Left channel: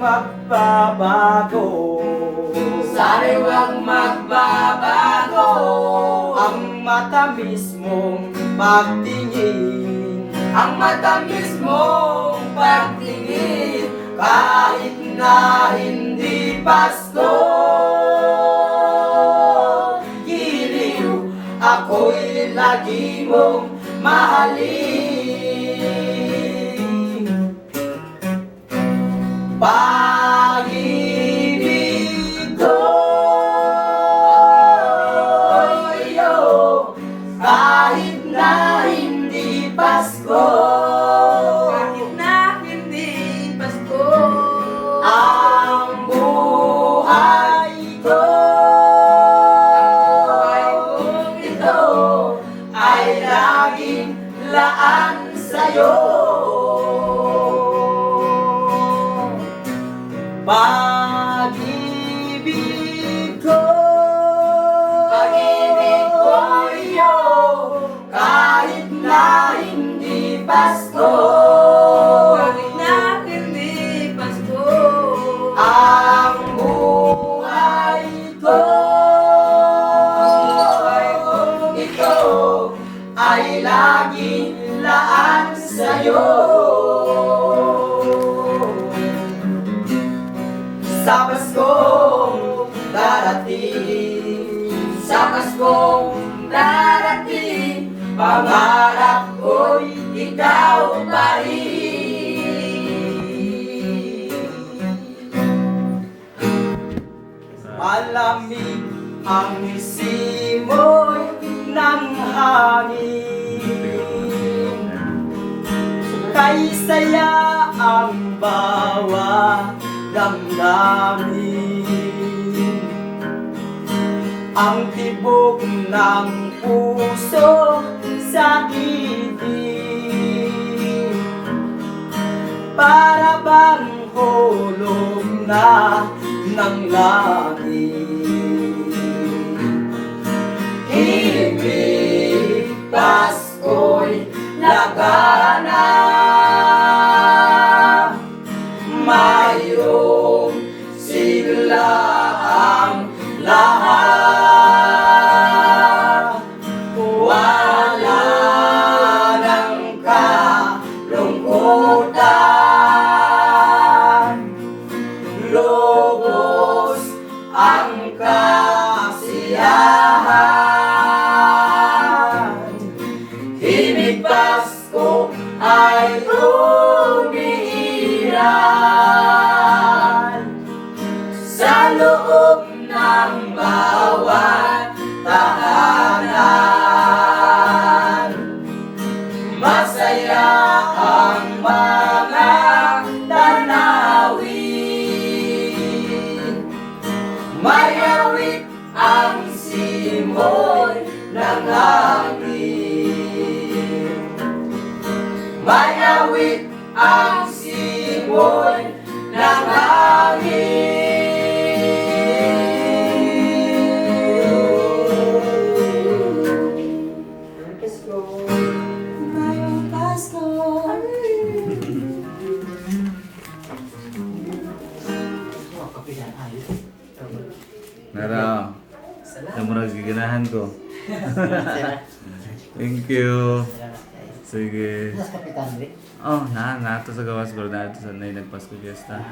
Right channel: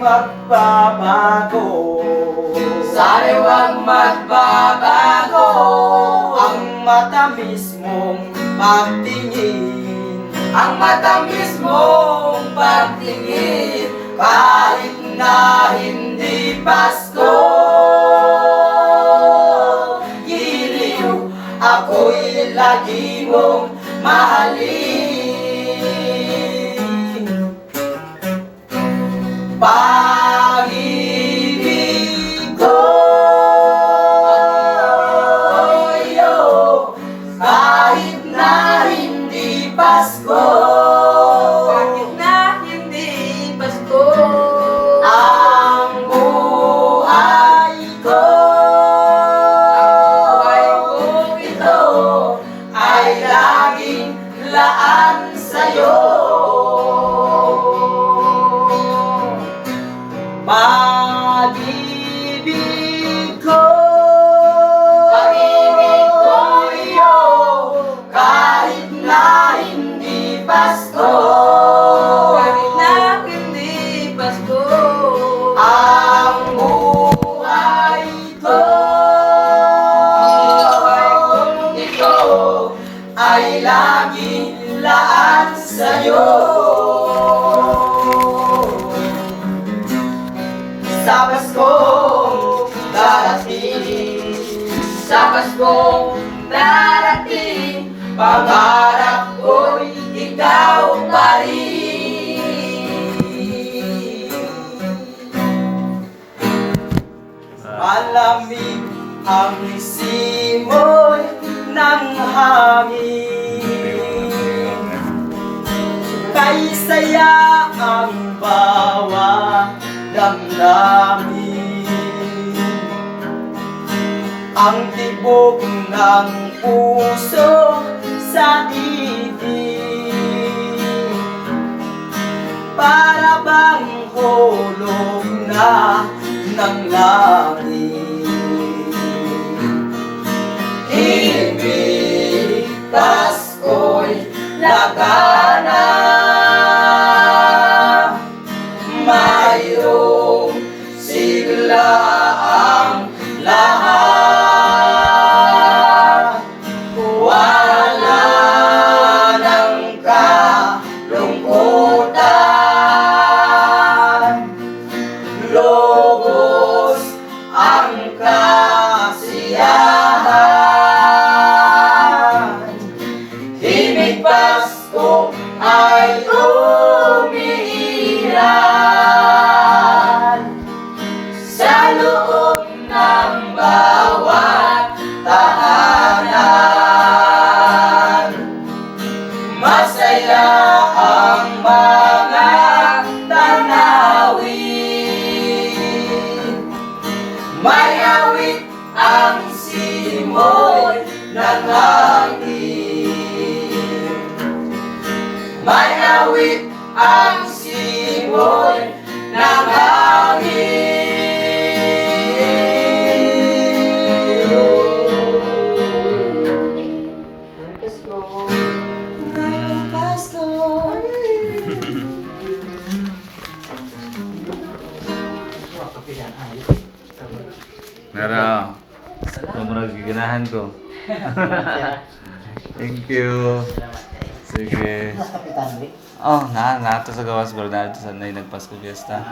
magbabago. Sana'y huwag magbabago Ang matamis mong pagtingin, ang matamis mong pagtingin. kahit na hindi Pasko. Giliw, ako'y lagi mong mahalin. Pag-ibig ko'yo, kahit na hindi Pasko. Kahit na hindi Pasko, Ang buhay ko, ito ay laging laan sa'yo. Pag-ibig ko, iyo, kahit na hindi Pasko. kahit na hindi Pasko, Ang buhay ko, ito ay laging laan sa'yo. Sa Pasko darating, sa Paskong darating, pangarap ko'y ikaw pa rin. Malamig ang simoy ng hangin, kay saya ang bawat damdamin. Ang tibok ng puso sa ibig, para bang hulog na ng langit. Ibig Pasko'y lagana, mayroong sigla ang lahat. Wala nang kalungkutan, lubos ang kasiyahan. Himig Pasko ay umiiral sa loob ng bawat tahanan. Masaya ang mga tanawin, may awit ang simoy ng hangin. May awit ang simoy ng hangin. Pasko. Nara, yung mga giganahan ko. Thank you. Sige. Oh, na ito sa gawas ko na ito sa nagpasko fiesta.